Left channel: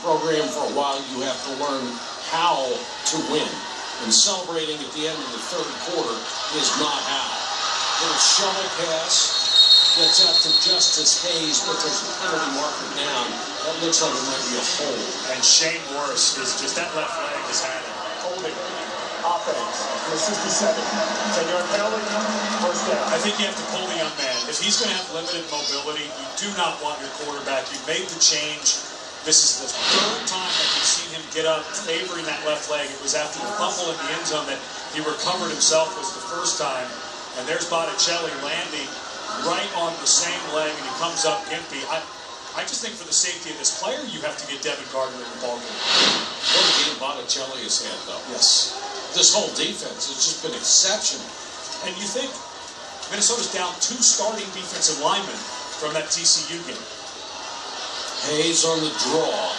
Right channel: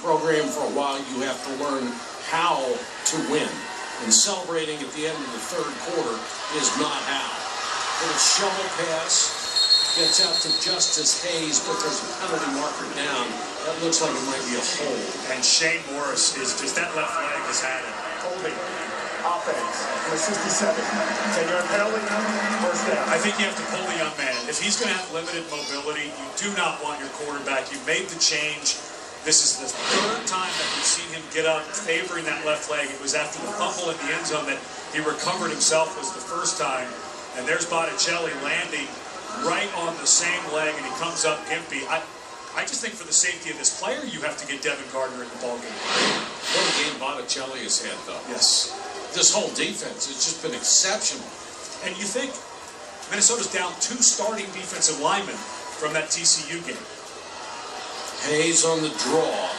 program for a while, you have to learn how to win. And celebrating at the end of the third quarter is not how. Little shovel pass. Gets out to Justice Hayes, but there's a penalty marker down. That looks like it might be a hold. And Shane Morris is just, that left leg has had it. Holding. Offense. Number 67. 10-yard penalty. First down. I think you have to pull the young man. If he's going to have limited mobility, you do not want your quarterback. You made the change. This is the third time that we've seen him get up favoring that left leg. It was after the fumble in the end zone that he recovered himself was the first time. And there's Botticelli landing right on the same leg, and he comes up gimpy. I just think for the safety of this player, you have to get Devin Gardner in the ballgame. What a game Botticelli has had, though. Yes. This whole defense has just been exceptional. And you think Minnesota's down 2 starting defensive linemen from that TCU game. Hayes on the draw.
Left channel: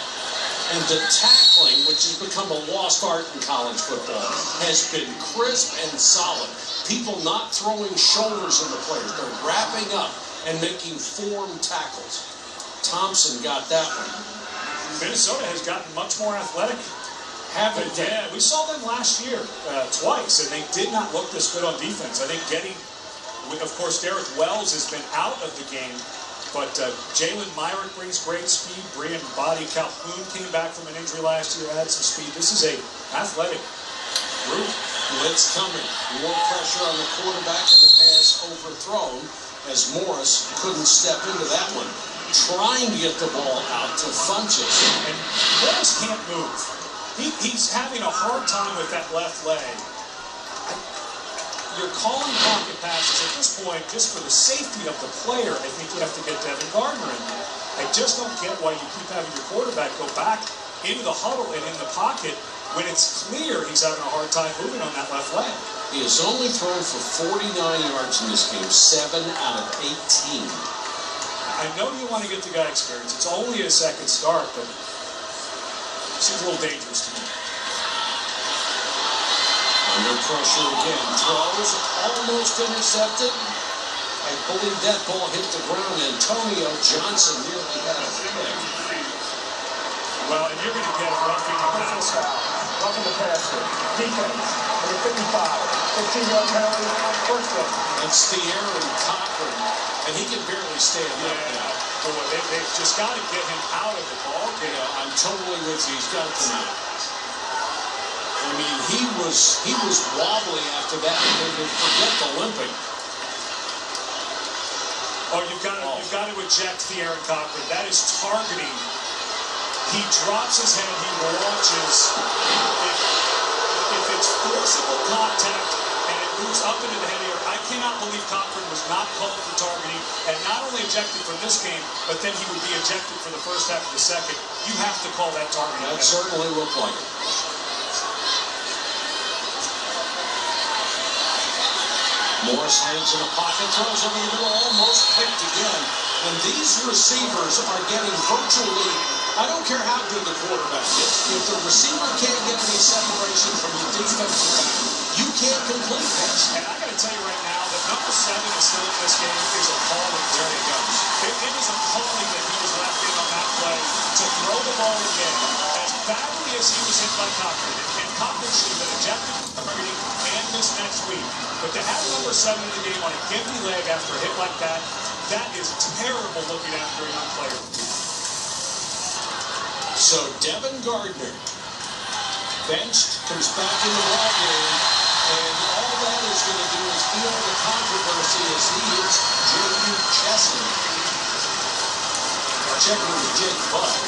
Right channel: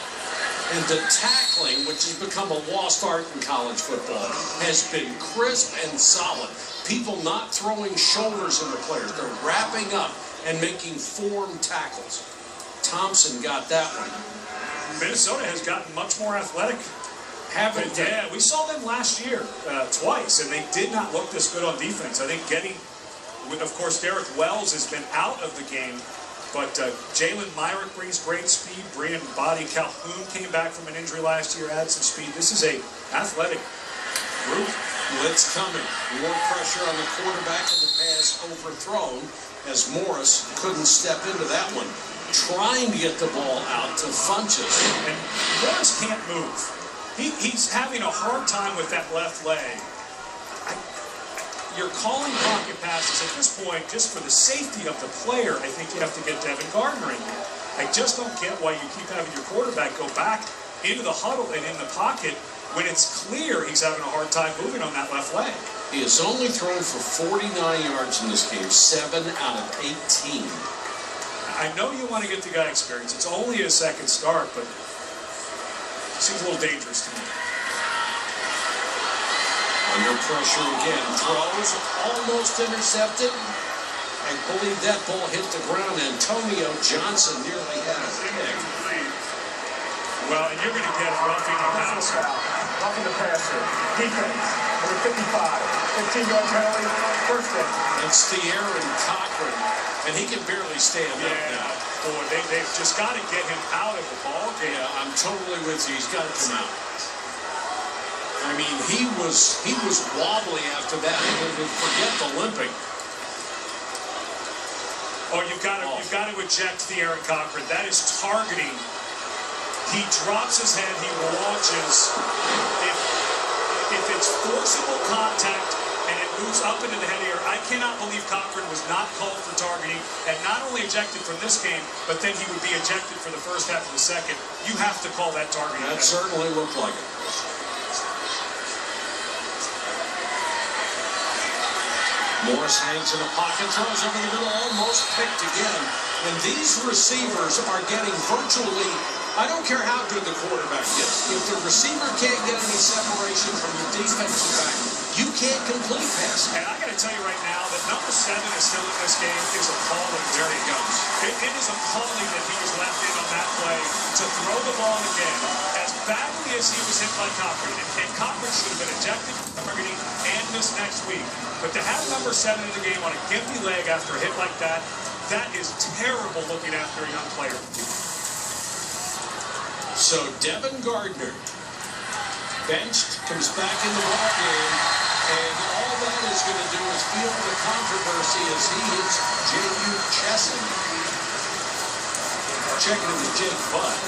And the tackling, which has become a lost art in college football, has been crisp and solid. People not throwing shoulders into players. They're wrapping up and making form tackles. Thompson got that one. Minnesota has gotten much more athletic. Haven't they? Yeah, we saw them last year twice, and they did not look this good on defense. I think getting, of course, Derek Wells has been out of the game. But Jalen Myrick brings great speed. Brian Body Calhoun came back from an injury last year, added some speed. This is a athletic group. Blitz coming. More pressure on the quarterback, and the pass overthrown as Morris couldn't step into that one. Trying to get the ball out to Funches. And Morris can't move. He's having a hard time with that left leg. You're calling pocket passes at this point just for the safety of the player. I think you have to get Devin Gardner in there. I just don't get why you keep having your quarterback go back into the huddle and in the pocket when it's clear he's having a hard time moving on that left leg. He has only thrown for 49 yards in this game, 7 out of 18. I know you want to get the guy experience. It's only his second start, but it seems a little dangerous to me. Under pressure again. Throws, almost intercepted. I believe that ball hit the ground. Antonio Johnson nearly had a pick. Well, and you're going to get a roughing the passer. Roughing the passer. Defense. Number 55. 15-yard penalty. First down. That's the Aaron Cochran. And he can barely stand up now. Boy, they've just got to get him out of the ball game. Yeah, I'm totally with you. He's got to come out. I mean, he was wobbly after that. Forget the limping. Oh, you've got to eject the Aaron Cochran. That is targeting. He drops his head. He launches. If it's forcible contact and it moves up into the head here, I cannot believe Cochran was not called for targeting and not only ejected from this game, but then he would be ejected for the first half of the second. You have to call that targeting. That certainly looked like it. Morris hangs in the pocket, throws over the middle, almost picked again. And these receivers are getting virtually, I don't care how good the quarterback is, if the receiver can't get any separation from the defensive back, you can't complete pass. And I got to tell you right now that number 7 is still in this game is appalling. There he goes. It is appalling that he was left in on that play to throw the ball again. As badly as he was hit by Cochran, and Cochran should have been ejected from targeting and missed next week. But to have number 7 in the game on a gimpy leg after a hit like that, that is terrible looking after a young player. So Devin Gardner, benched, comes back in the ball game, and all that is going to do is feel the controversy as he hits J.U. Chesson. Checking in with Jake Budd.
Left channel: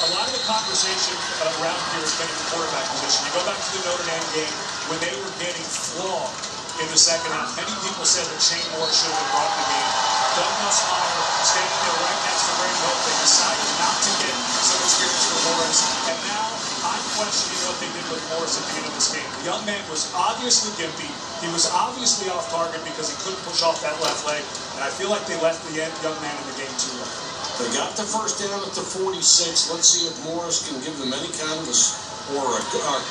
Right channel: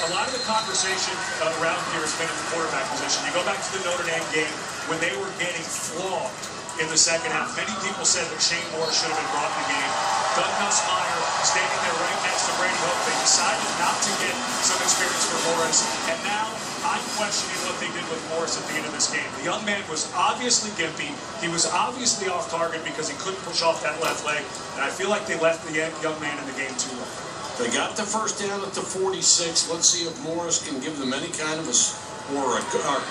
A lot of the conversation around here has been at the quarterback position. You go back to the Notre Dame game when they were getting flogged in the second half. Many people said that Shane Morris should have been brought in the game. Doug Nussmeier standing there right next to Brady Hoke. They decided not to get some experience for Morris. And now I'm questioning what they did with Morris at the end of this game. The young man was obviously gimpy. He was obviously off target because he couldn't push off that left leg. And I feel like they left the young man in the game too long. They got the first down at the 46. Let's see if Morris can give them any kind of a, or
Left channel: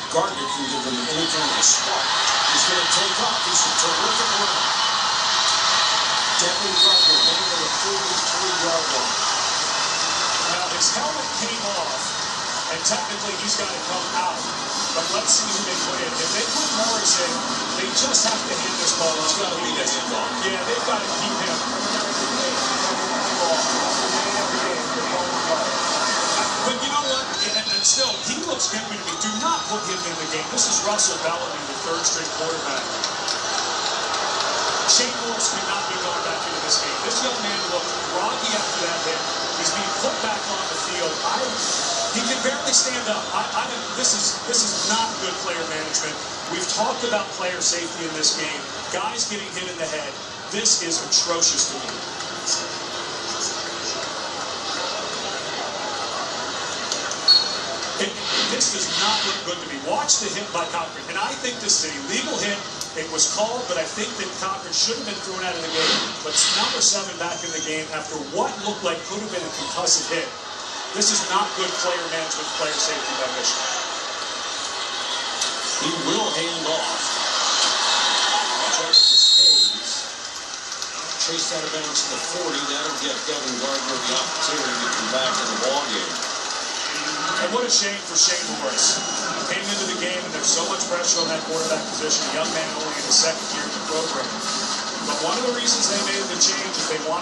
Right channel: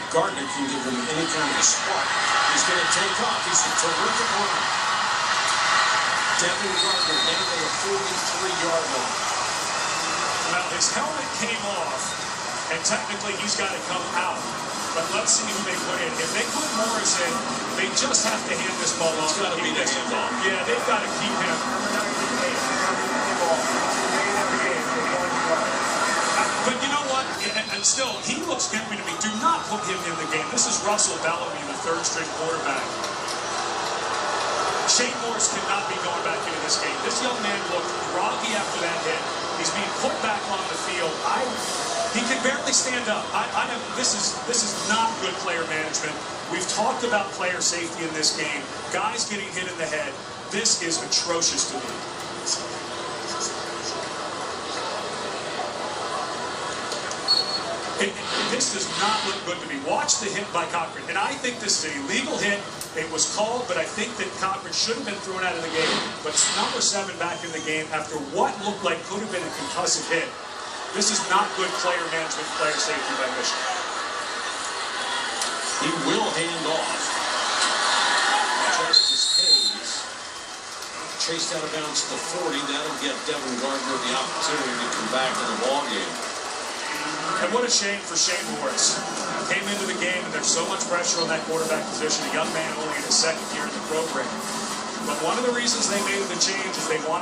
Gardner can give them any kind of a spark. He's going to take off. He's a terrific runner. Devin Gardner down to the 43-yard line. Well, his helmet came off, and technically he's got to come out. But let's see who they put in. If they put Morris in, they just have to hand this ball off. It's got to be the handoff. Yeah, they've got to keep him. But you know what? And still, he looks good to me. Do not put him in the game. This is Russell Bellamy, the third-string quarterback. Shane Morris could not be going back into this game. This young man looked groggy after that hit. He's being put back on the field. He can barely stand up. This is not good player management. We've talked about player safety in this game. Guys getting hit in the head. This is atrocious to me. This does not look good to me. Watch the hit by Cochran. And I think this is a legal hit. It was called, but I think that Cochran should have been thrown out of the game. But number 7 back in the game after what looked like could have been a concussive hit. This is not good player management, player safety by Michigan. He will hand off. Justice Hayes chased out of bounds to the 40. That'll get Devin Gardner the opportunity to come back in the ballgame. And what a shame for Shane Morris. Came into the game and there's so much pressure on that quarterback position. A young man only in his second year in the program. But one of the reasons they made the change is they wanted